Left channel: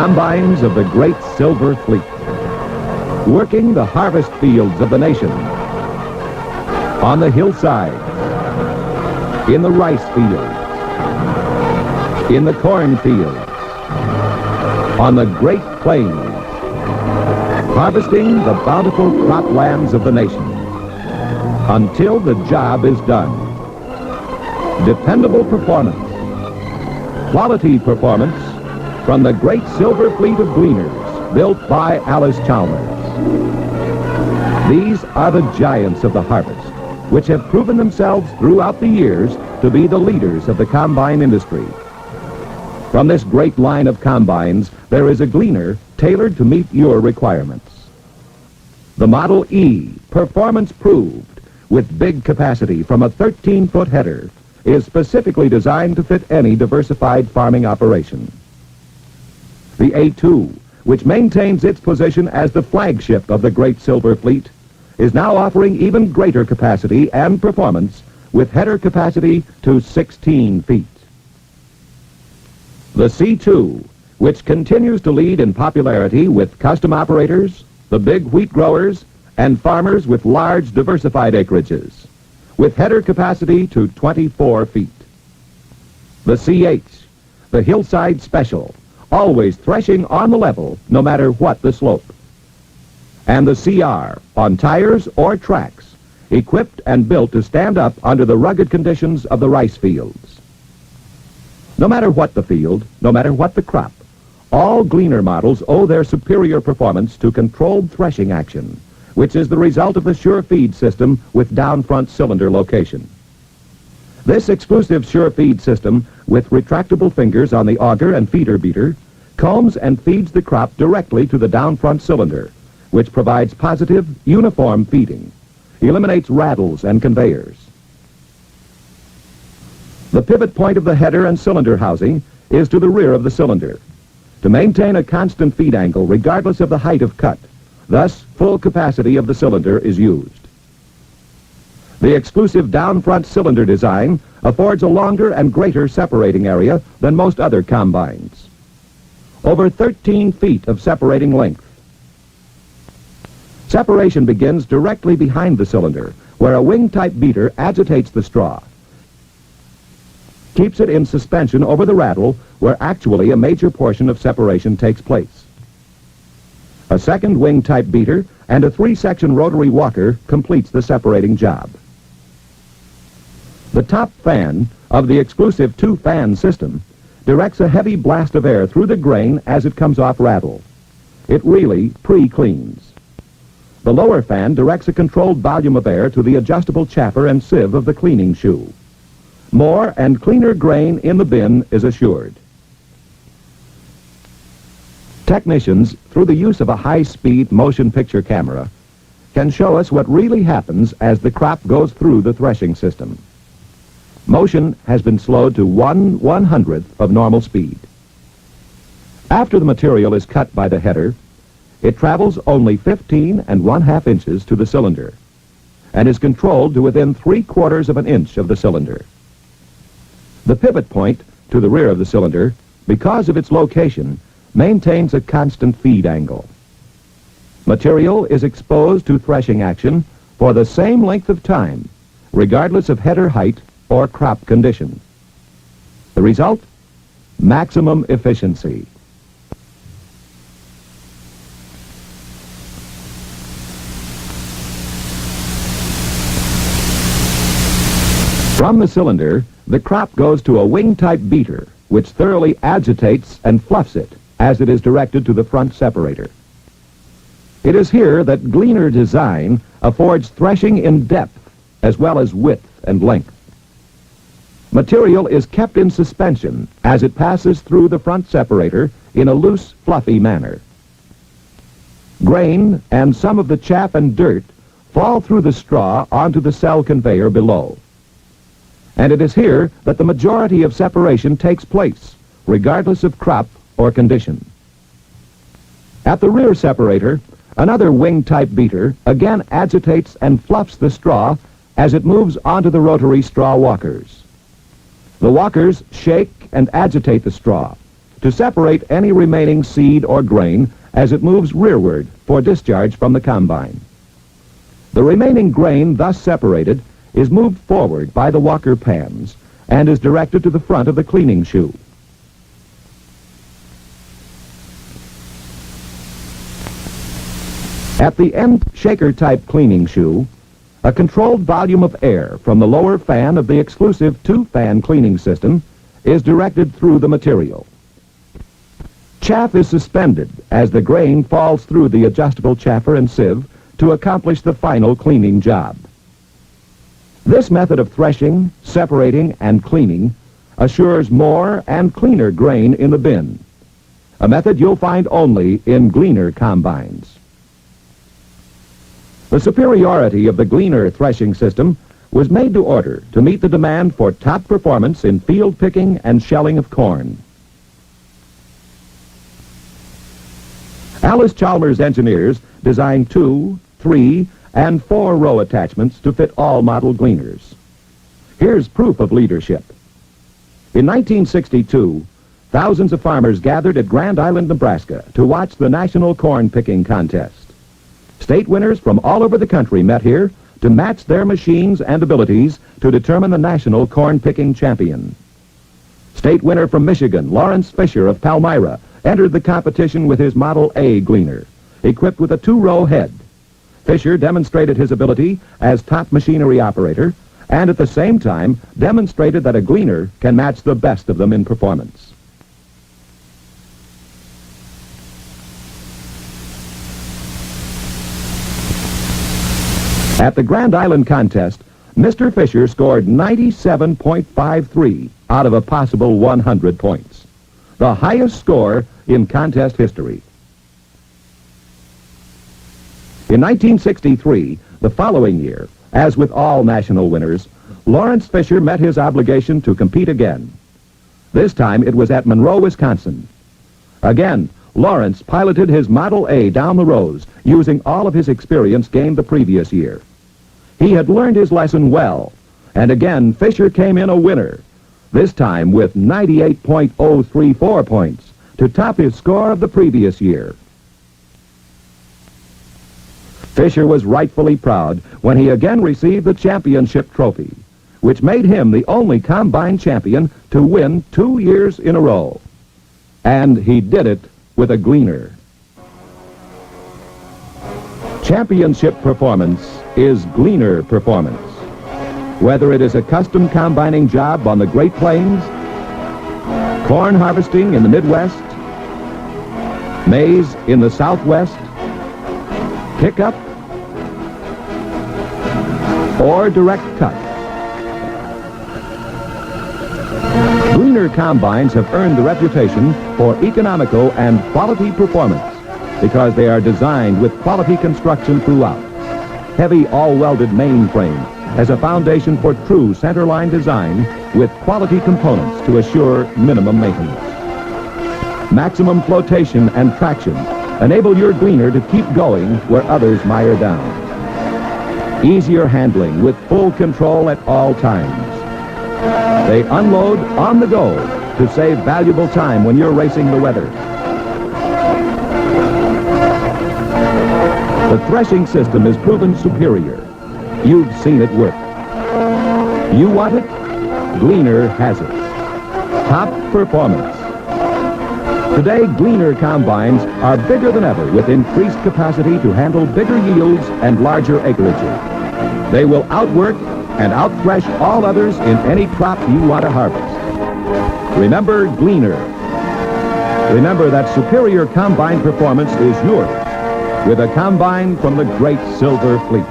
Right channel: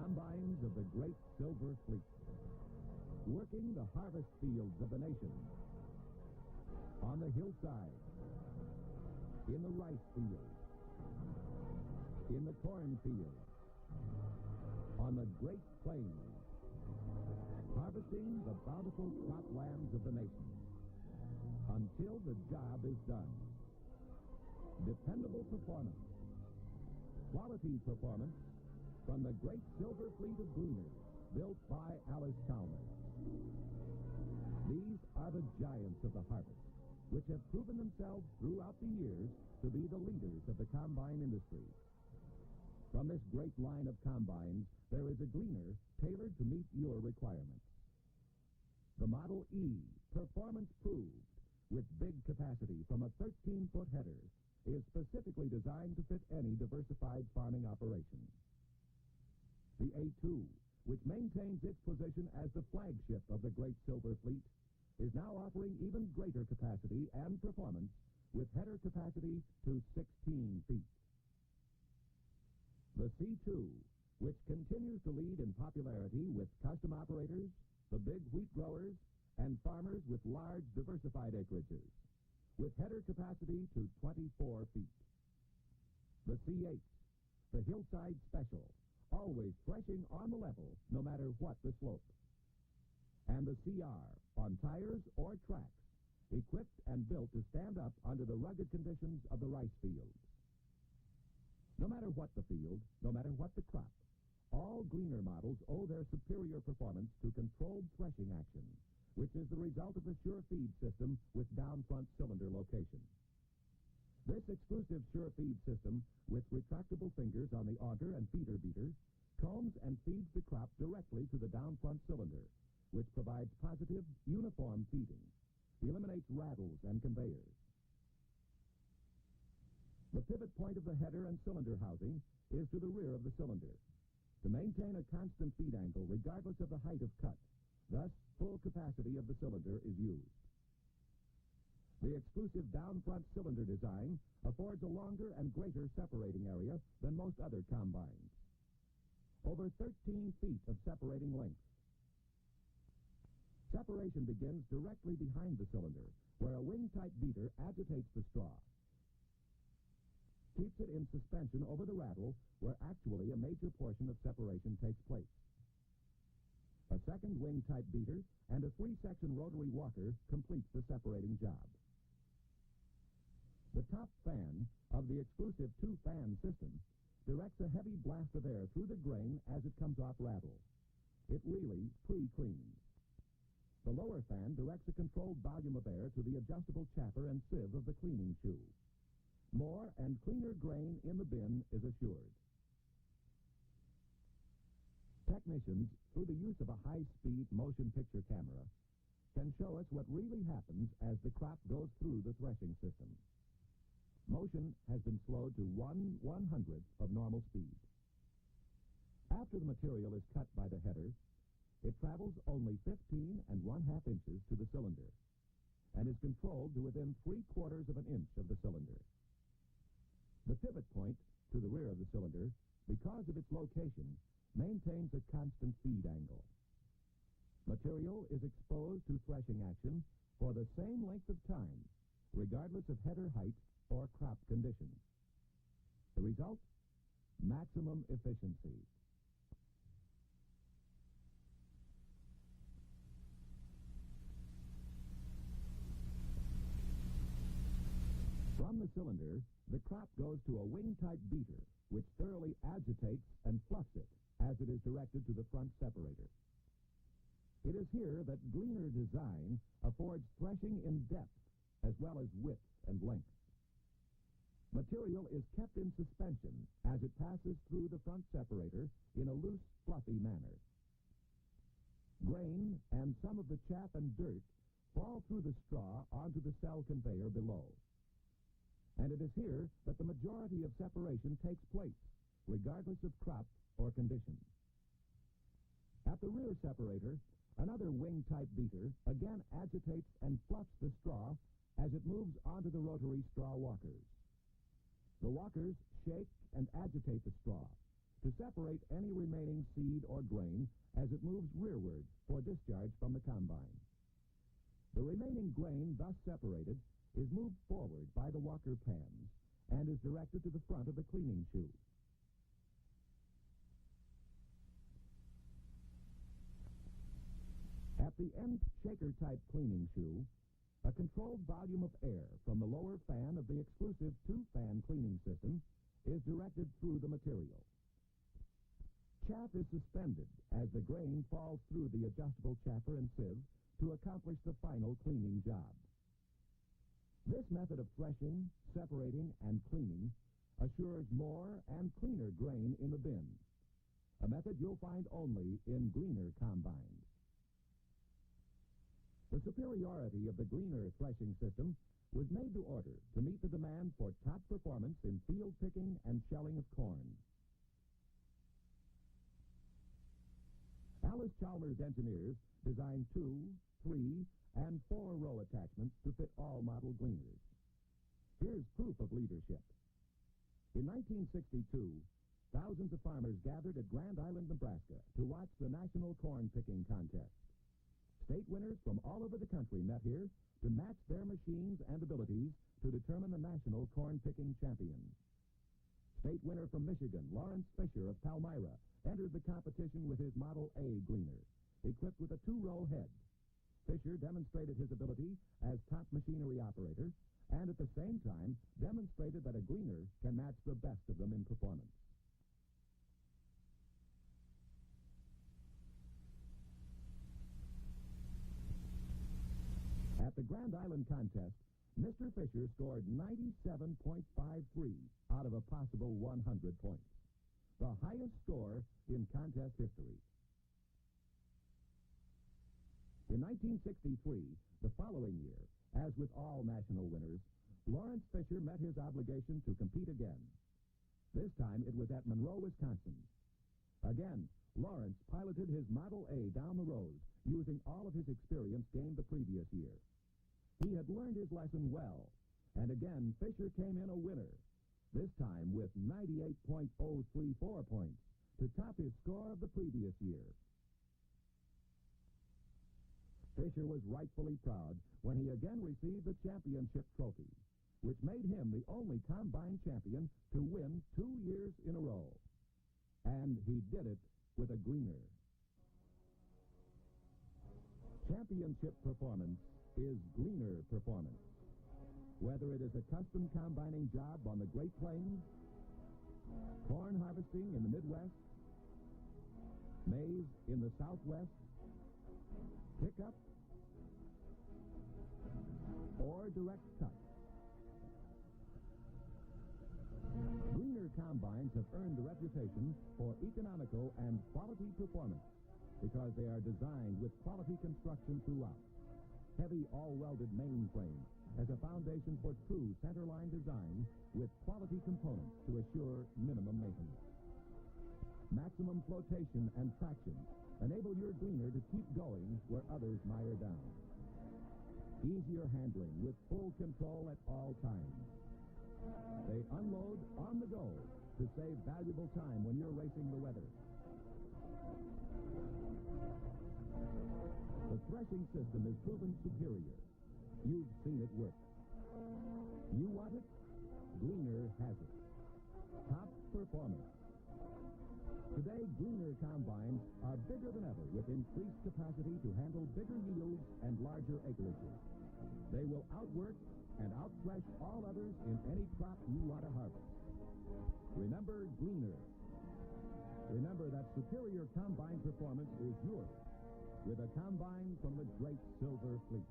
Combines of the great silver fleet, working the harvest fields of the nation, on the hillside, in the rice field, in the cornfield, on the great plains, harvesting the bountiful croplands of the nation until the job is done. Dependable performance, quality performance from the great silver fleet of Gleaners built by Alice Chalmers. These are the giants of the harvest, which have proven themselves throughout the years to be the leaders of the combine industry. From this great line of combines, there is a Gleaner tailored to meet your requirements. The Model E, performance proved, with big capacity from a 13-foot header, is specifically designed to fit any diversified farming operation. The A2, which maintains its position as the flagship of the great silver fleet, is now offering even greater capacity and performance with header capacity to 16 feet. The C2, which continues to lead in popularity with custom operators, the big wheat growers, and farmers with large diversified acreages, with header capacity to 24 feet. The CH, the hillside special, always threshing on the level no matter what the slope. And the CR, on tires or tracks, equipped and built to stand up under the rugged conditions of the rice fields. No matter what the field, no matter what the crop, all Gleaner models owe their superior performance to controlled threshing action, which is the result of the sure feed system with down front cylinder location. This exclusive sure feed system, with retractable fingers on the auger and feeder beater, combs and feeds the crop directly to the down front cylinder, which provides positive, uniform feeding, eliminates rattles and conveyors. The pivot point of the header and cylinder housing is to the rear of the cylinder, to maintain a constant feed angle regardless of the height of cut. Thus, full capacity of the cylinder is used. The exclusive down front cylinder design affords a longer and greater separating area than most other combines. Over 13 feet of separating length. Separation begins directly behind the cylinder, where a wing-type beater agitates the straw, keeps it in suspension over the rattle, where actually a major portion of separation takes place. A second wing-type beater and a 3-section rotary walker completes the separating job. The top fan of the exclusive 2-fan system directs a heavy blast of air through the grain as it comes off rattle. It really pre-cleans. The lower fan directs a controlled volume of air to the adjustable chaffer and sieve of the cleaning shoe. More and cleaner grain in the bin is assured. Technicians, through the use of a high-speed motion picture camera, can show us what really happens as the crop goes through the threshing system. Motion has been slowed to 1/100th of normal speed. After the material is cut by the header, it travels only 15 1/2 inches to the cylinder and is controlled to within 3/4 of an inch of the cylinder. The pivot point to the rear of the cylinder, because of its location, maintains a constant feed angle. Material is exposed to threshing action for the same length of time, regardless of header height or crop condition. The result? Maximum efficiency. From the cylinder, the crop goes to a wing-type beater, which thoroughly agitates and fluffs it as it is directed to the front separator. It is here that Gleaner design affords threshing in depth as well as width and length. Material is kept in suspension as it passes through the front separator in a loose, fluffy manner. Grain and some of the chaff and dirt fall through the straw onto the cell conveyor below. And it is here that the majority of separation takes place, regardless of crop or condition. At the rear separator, another wing-type beater again agitates and fluffs the straw as it moves onto the rotary straw walkers. The walkers shake and agitate the straw, to separate any remaining seed or grain as it moves rearward for discharge from the combine. The remaining grain thus separated is moved forward by the walker pans and is directed to the front of the cleaning shoe. At the end shaker-type cleaning shoe, a controlled volume of air from the lower fan of the exclusive two-fan cleaning system is directed through the material. Chaff is suspended as the grain falls through the adjustable chaffer and sieve to accomplish the final cleaning job. This method of threshing, separating, and cleaning assures more and cleaner grain in the bin, a method you'll find only in Gleaner combines. The superiority of the Gleaner threshing system was made to order to meet the demand for top performance in field picking and shelling of corn. Alice Chalmers engineers designed 2, 3, and 4-row attachments to fit all model Gleaners. Here's proof of leadership. In 1962, thousands of farmers gathered at Grand Island, Nebraska to watch the National Corn Picking Contest. State winners from all over the country met here to match their machines and abilities to determine the national corn-picking champion. State winner from Michigan, Lawrence Fisher of Palmyra, entered the competition with his Model A Gleaner, equipped with a 2-row head. Fisher demonstrated his ability as top machinery operator and at the same time demonstrated that a Gleaner can match the best of them in performance. At the Grand Island contest, Mr. Fisher scored 97.53 out of a possible 100 points, the highest score in contest history. In 1963, the following year, as with all national winners, Lawrence Fisher met his obligation to compete again. This time it was at Monroe, Wisconsin. Again, Lawrence piloted his Model A down the rows using all of his experience gained the previous year. He had learned his lesson well, and again Fisher came in a winner, this time with 98.034 points to top his score of the previous year. Fisher was rightfully proud when he again received the championship trophy, which made him the only combine champion to win 2 years in a row. And he did it with a Gleaner. Championship performance is Gleaner performance. Whether it is a custom combining job on the Great Plains, corn harvesting in the Midwest, maize in the Southwest, pickup, or direct cut. Gleaner combines have earned the reputation for economical and quality performance because they are designed with quality construction throughout. Heavy all-welded mainframe as a foundation for true centerline design with quality components to assure minimum maintenance. Maximum flotation and traction enable your Gleaner to keep going where others mire down. Easier handling with full control at all times. They unload on the go to save valuable time when you're racing the weather. The threshing system is proven superior. You've seen it work. You want it? Gleaner has it. Top performance. Today, Gleaner combines are bigger than ever with increased capacity to handle bigger yields and larger acreages. They will outwork and outthresh all others in any crop you want to harvest. Remember Gleaner. Remember that superior combine performance is yours with a combine from the great Silver Fleet.